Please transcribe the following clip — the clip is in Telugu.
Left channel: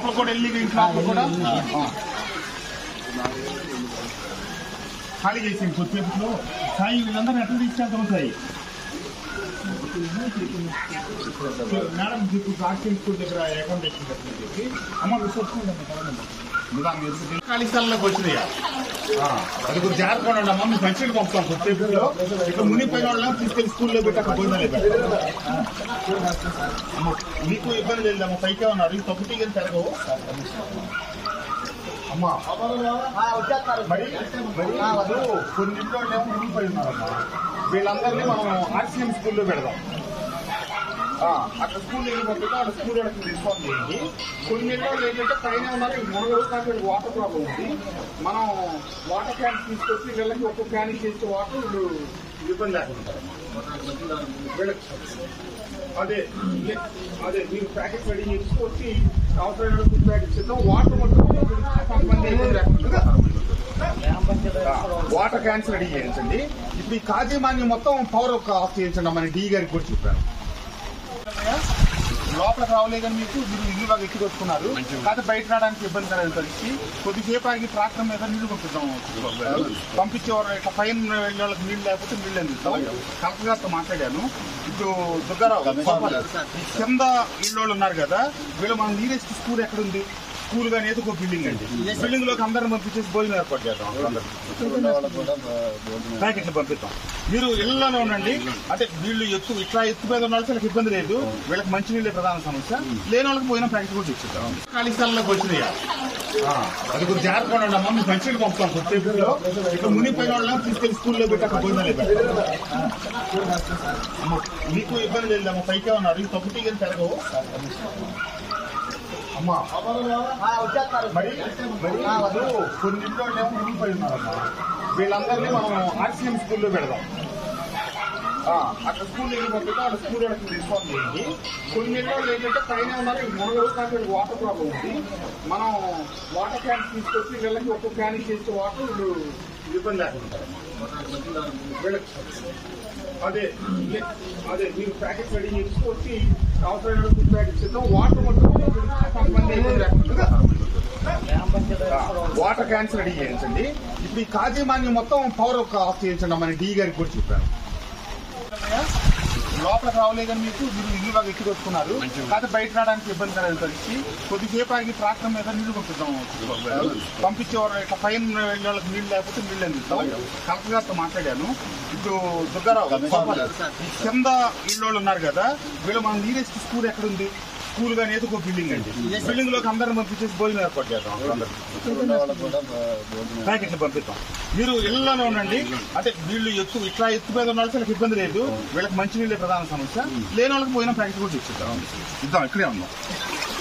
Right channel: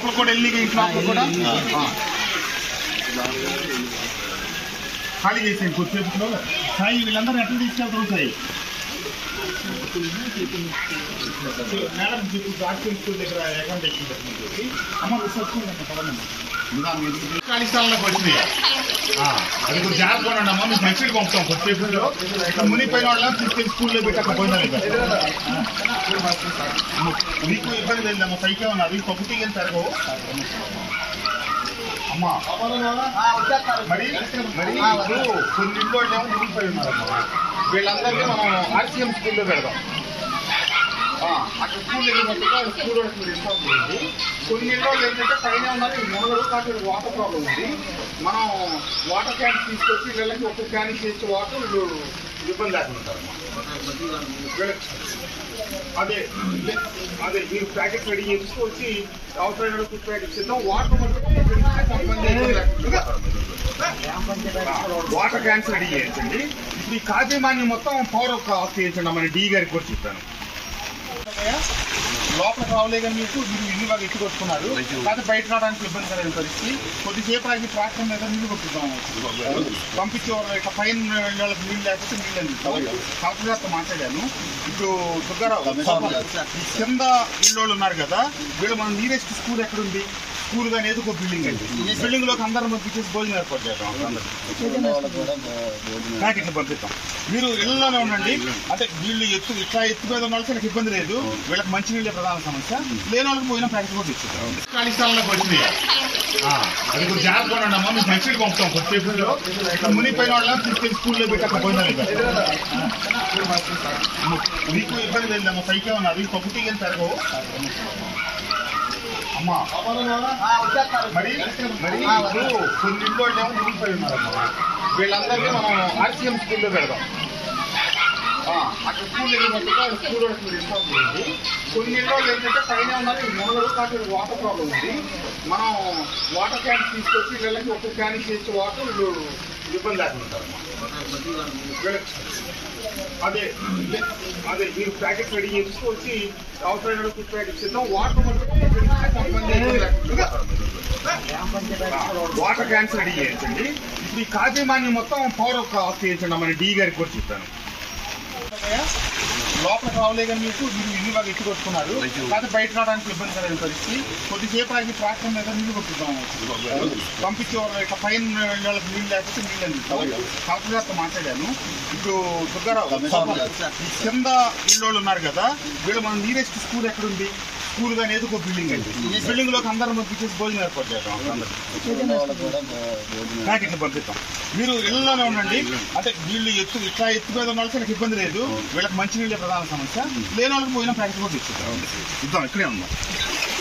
లోపల కూడా వెళ్ళి ఇంటి లోపల కూడా ఖాళీ చేసేయండి కొద్దిసేపులో. సాయి వీళ్ళందరూ ఎట్లా తీసుకెళ్తారు సాయి? మేడం చెప్పు ఆర్ట్స్ స్కూల్ దగ్గర అకామిడేషన్ పెట్టినది అమ్మ విశ్వసించండి పడదండి ఖాళీ స్థలంలోకి వచ్చినాయి. అది కొంచెం జాగ్రత్తగా ఉండండి అమ్మ. మేము మంచిగా పంపుతాం కొద్దిసేపులో. ఇక్కడ మునిపోయిన వాళ్ళని తీసుకెళ్ళి స్కూల్లో పెట్టి అక్కడ పోయినా మీకు ఇబ్బంది లేదమ్మా. పైకే ఉన్నారు పప్పుటీ కానీ పెరగవు అమ్మా. మరి కొన్ని ఇంట్లో ఏమో మునిగిపోయి ఉన్నారమ్మా. వీళ్ళందరినీ మనం ఆర్సీఎం స్కూల్లో పెడదాం. అక్కడ స్కూల్ వెళ్ళిపోతుంటే అక్కడ స్కూల్ వాళ్ళకి ఇన్ఫార్మ్ చేయండి. కొన్ని ఇంట్లో ఏంటంటే పైన ఉన్నారు మొదలు కాబట్టి వాటర్ ప్రాబ్లం ఉంది. మనం వాటర్ క్యాన్స్ తీసుకొచ్చి వీళ్ళకి ఒక్కొక్క క్యాన్ చేసే వాటర్ వీళ్ళు ఇబ్బంది లేకుంటారు. అదే అదే మీరు ప్యాకెట్ రెడీ చేసుకొచ్చి అవసరమైన ఫుడ్ ప్యాకెట్స్ ఇద్దాం. వాటర్ మాత్రం వాటర్ క్యాన్స్ రెడీ చేయించండి. ఇప్పుడు ఈ కాజీమాన్యం మొత్తం పవర్ ఆఫ్ చేయించండి. మన డి గారికి కూడా చెప్పాను. లోపలికి రావలే కానీ మీరు ఇల్లు బాగా ఎట్టుకొచ్చుకున్నారు. కాకపోతే బయట రావడానికి ఇబ్బందికరమైన పరిస్థితి. కొద్దిసేపు ఆగి ట్రాక్టర్ మీద నీళ్లు పంపిద్దాం. పంపించేవారు ఇట్లా పైన వెళ్ళే వాళ్ళకి నీళ్ళు లేకపోతే నీళ్ళు అందిస్తాం. కలెక్టర్ గారితో మాట్లాడాను. ఇప్పుడు దుర్గారావు కింద ఇళ్ళు ఉన్నారు కదా, వీళ్ళు మనం నీరెస్ట్ స్కూల్ ఎక్కడుంది? స్కూల్ కానీ ఏదో ఒక బిల్డింగ్ అండి. బిల్డింగ్ లోకి అందరం పంపించేసి భోజనం ఏర్పాటు చేద్దాం. ప్యాకెట్లు పంపిస్తాం. మీరు ఇళ్లలోనే ఉండండి. అంటే వీళ్ళు ఇట్లా ఎత్తు మీద ఉన్న వాళ్ళకి ఇబ్బంది లేదు. వీళ్ళకి మంచి నీళ్ళే ప్రధాన సమస్య. లేని వాళ్ళకి పోయిన ప్యాకెట్ కూడా తెచ్చిద్దాం. ఖాళీ స్థలంలోకి వచ్చినాయి. అది కొంచెం జాగ్రత్తగా ఉండండి అమ్మ. మేము మంచిగా పంపుతాం కొద్దిసేపులో. ఇక్కడ మునిపోయిన వాళ్ళని తీసుకెళ్ళి స్కూల్లో పెట్టి అక్కడ పోయినా మీకు ఇబ్బంది లేదమ్మా. పైకే ఉన్నారు పప్పుటీ కానీ పెరగవు అమ్మా. మరి కొన్ని ఇంట్లో ఏమో మునిగిపోయి ఉన్నారమ్మా. వీళ్ళందరినీ మనం ఆర్సీఎం స్కూల్లో పెడదాం. అక్కడ స్కూల్ వెళ్ళిపోతుంటే అక్కడ స్కూల్ వాళ్ళకి ఇన్ఫార్మ్ చేయండి. కొన్ని ఇంట్లో ఏంటంటే పైన ఉన్నారు మొదలు కాబట్టి వాటర్ ప్రాబ్లం ఉంది. మనం వాటర్ క్యాన్స్ తీసుకొచ్చి వీళ్ళకి ఒక్కొక్క క్యాన్ చేసే వాటర్ వీళ్ళు ఇబ్బంది లేకుంటారు. అదే అదే మీరు ప్యాకెట్ రెడీ చేసుకొచ్చి అవసరమైన ఫుడ్ ప్యాకెట్స్ ఇద్దాం. వాటర్ మాత్రం వాటర్ క్యాన్స్ రెడీ చేయించండి. ఇప్పుడు ఈ కాజీమాన్యం మొత్తం పవర్ ఆఫ్ చేయించండి. మన డి గారికి కూడా చెప్పాను. లోపలికి రావలే కానీ మీరు ఇల్లు బాగా ఎట్టుకొచ్చుకున్నారు. కాకపోతే బయట రావడానికి ఇబ్బందికరమైన పరిస్థితి. కొద్దిసేపు ఆగి ట్రాక్టర్ మీద నీళ్లు పంపిద్దాం. పంపించేవారు ఇట్లా పైన వెళ్ళే వాళ్ళకి నీళ్ళు లేకపోతే నీళ్ళు అందిస్తాం. కలెక్టర్ గారితో మాట్లాడాను. ఇప్పుడు దుర్గారావు కింద ఇళ్ళు ఉన్నారు కదా, వీళ్ళు మనం నీరెస్ట్ స్కూల్ ఎక్కడుంది? స్కూల్ కానీ ఏదో ఒక బిల్డింగ్ అండి. బిల్డింగ్ లోకి అందరం పంపించేసి భోజనం ఏర్పాటు చేద్దాం. ప్యాకెట్లు పంపిస్తాం. మీరు ఇళ్లలోనే ఉండండి. అంటే వీళ్ళు ఇట్లా ఎత్తు మీద ఉన్న వాళ్ళకి ఇబ్బంది లేదు. వీళ్ళకి మంచి నీళ్ళే ప్రధాన సమస్య. లేని వాళ్ళకి పోయిన ప్యాకెట్ కూడా తెచ్చిద్దాం. ఇద్దాం. ఇక్కడే ఉన్నాం.